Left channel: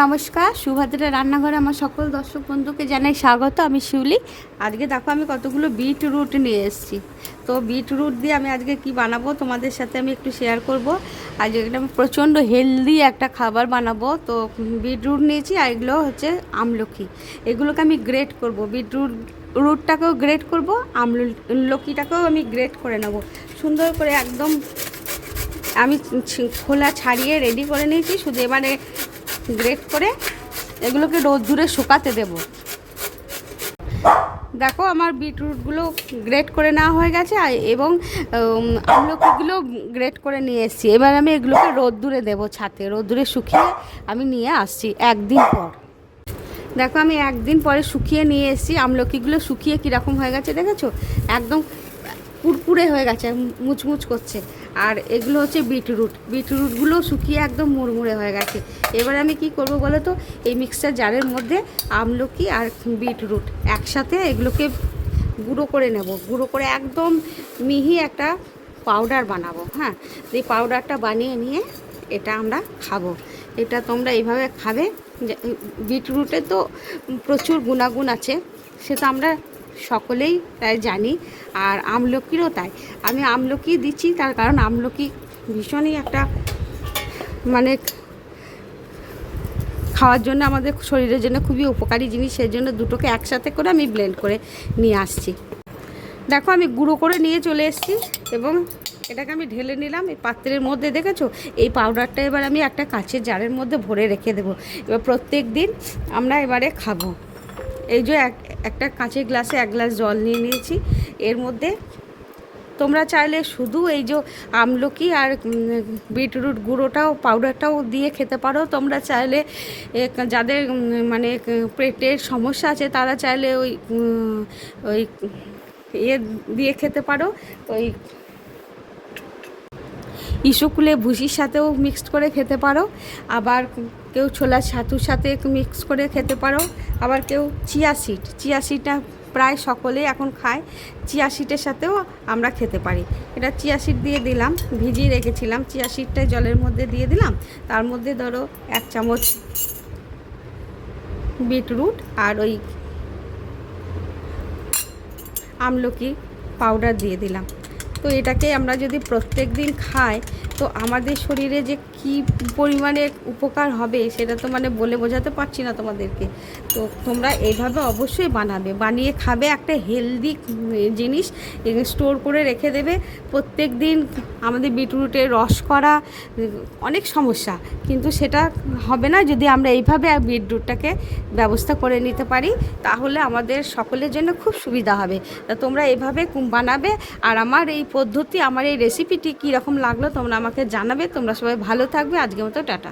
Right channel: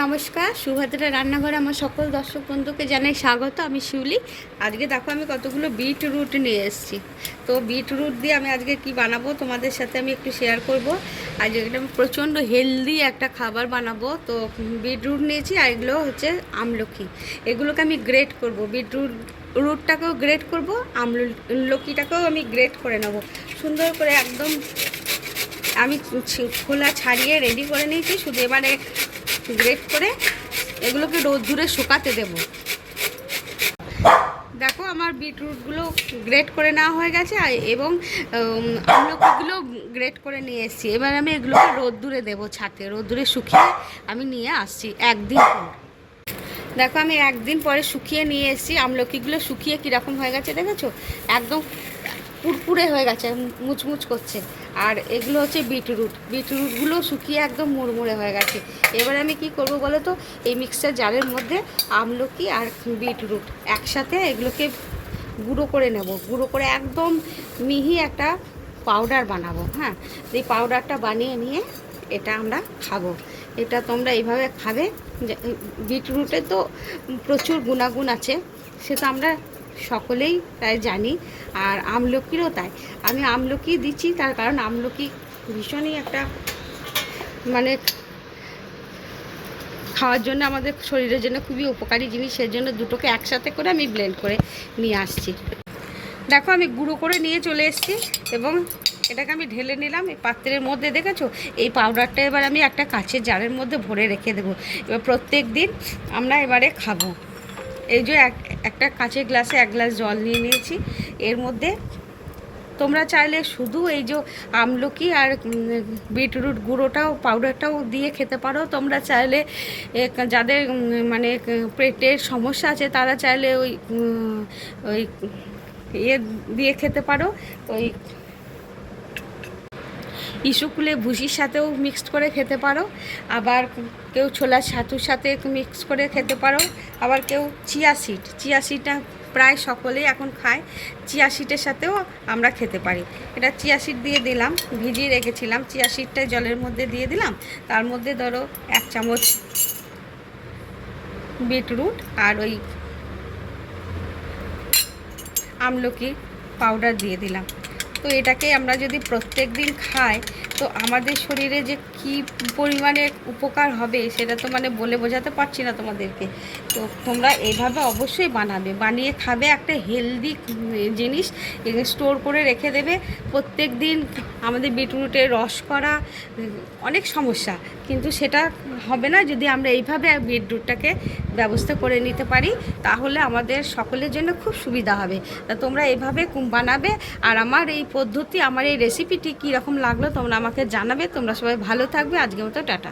নমস্কার, সুভদ্রা রান্নাঘরে আমার সকল দর্শক বন্ধুকে জানাই স্বাগত। আমি শিউলি। আজকে দেখো আমি কতগুলো বিটরুট নিয়ে এসেছি। তো বিটরুট দিয়ে আমি আজকে কি বানাবো তোমাদের সাথে আমি একটু শেয়ার করব। আজ একদম প্রচণ্ড হেলদি একটা খাবার বানাবো। তো বিটরুট নিয়েছি, আর এগুলো হচ্ছে আমলকি। এগুলোকে আমি গ্রেট করব, রুটটাকেও গ্রেট করব, আমলকিটাকেও আমি গ্রেট করে নেব সুন্দর করে। একদম আমি খোলা ছাড়িয়ে রেডি করে নিয়েছি, শুধু এবারে গ্রেট করে এগুলোকে রোদ্দুরে শুকাতে দেব। দেখো আমার বিটরুটগুলো গ্রেট করে নেওয়া হয়ে গেছে, এবং আমলকিগুলো গ্রেট করে নিয়ে এসেছি। এবার আমি এগুলোকে রোদ্দুরে দেবো, ছাতে রোদ্দুরে শুকিয়ে আমি নিয়ে আসছি একদিন পর। দেখো আমি একদিন পরে শুকিয়ে নিয়ে এসেছি। আমলকিগুলো শুকিয়ে কীরকম হয়ে গেছে দেখেছো, একদম পুরপুরে হয়ে গেছে, মুচমুচ করছে। আর এগুলো হচ্ছে বিটরুটগুলো শুকিয়ে একদম মুড়মুড়ে হয়ে গেছে। এবার আমি কি করব বলো তো, এই মিক্সচার জারের মধ্যে আমলকি আর বিটরুট একসাথে এগুলোকে গুঁড়ো করে নেব। গুঁড়ো করে একদম মিহি একটা পাউডার বানাবো। হ্যাঁ, এই পাউডারটা বানিয়ে নিয়ে এটা আমরা খাবো। এটা তোমরা এইভাবে খাবে। বিটরুটে তো প্রচুর গুণাগুণ আছে, সেটা আমরা সকলেই তাই জানি। আর আমলকিরও তাই। আমি আমলকি দিচ্ছি তার কারণ আমলকি ভীষণই একটা মানে খাওয়ার জন্য, আমাদের শরীরের জন্য খুবই উপকারী জিনিস। সেই জন্য দুটোকে একসাথে করে আমি ব্লেন্ড করে নিয়ে আসছি। দেখো আমি গুঁড়ো করে নিয়ে চলে এসেছি, এবং এটাকে আমি ঢেলে নিলাম এই পাত্রের মধ্যে। দেখেছো, এই পাউডারটা এবার আমি একটা কাঁচের জারের মধ্যে ভরে রেখে দেবো। এবার প্রত্যেক দিন আমরা এবারে খাবো। এই যে একটা কাঁচের গ্লাসে 1 গ্লাস জল নিয়ে নিয়েছি। এর মধ্যে তোমরা চাইলে শুধু এই যে আমলকি আর বিটরুট গুঁড়োটাও পাউডারটাও দিয়ে খেতে পারো। তোমরা চাইলে যাদের মানে পেটের সমস্যা আছে তারা চাইলে ওই ইয়ে দিয়ে খেতে পারো, ওই ইসুকুলে ভুসির সাথেও মিক্সড করে খেতে পারো। আবার কেউ ছোলার ছাতুর সাথে মিক্স করে খেতে পারো। আবার কেউ চিয়া সিডটা প্রায় সকলেই এখন খায়, চিয়া সিডের সাথেও আমরা খেতে পারি। এটা চিয়া সিড দিয়ে দিলাম, ভিজিয়ে রেখেছিলাম। চিয়া সিডটা জলের মধ্যে দিয়ে দিলাম। তার মধ্যে ধরো 1 চামচ বিটরুট আর ওই আমলকি পাউডার দিয়ে দিলাম। তো এটাকে আমরা যদি প্রত্যেক দিন খাই তো আমাদের শরীরে যে কী পরিমাণে উপকার হবে সেটা তো মানে বলে বোঝাতে পারছি না তোমাদেরকে। তো তোমরা এইভাবে অবশ্যই বানিয়ে খাবে। একটা হেলদি জিনিস স্টোর করে রেখে দেবে। প্রত্যেক দিন আমাদের বিটরুটের রস করা অনেক সমস্যা, কিন্তু সেটা হবে না যদি আমরা এইভাবে বিটরুটটাকে ব্যবস্থা করে নিতে পারি। তাহলে আমাদের সকলের জন্য খুব সুবিধা হবে। তা তোমরা এইভাবে বানাবে। আর আমার এই পদ্ধতি, আমার এই রেসিপিটি কীরকম লাগলো তোমরা আমাকে জানাবে। তোমরা সবাই ভালো থাকবে। আজকের মতো টাটা।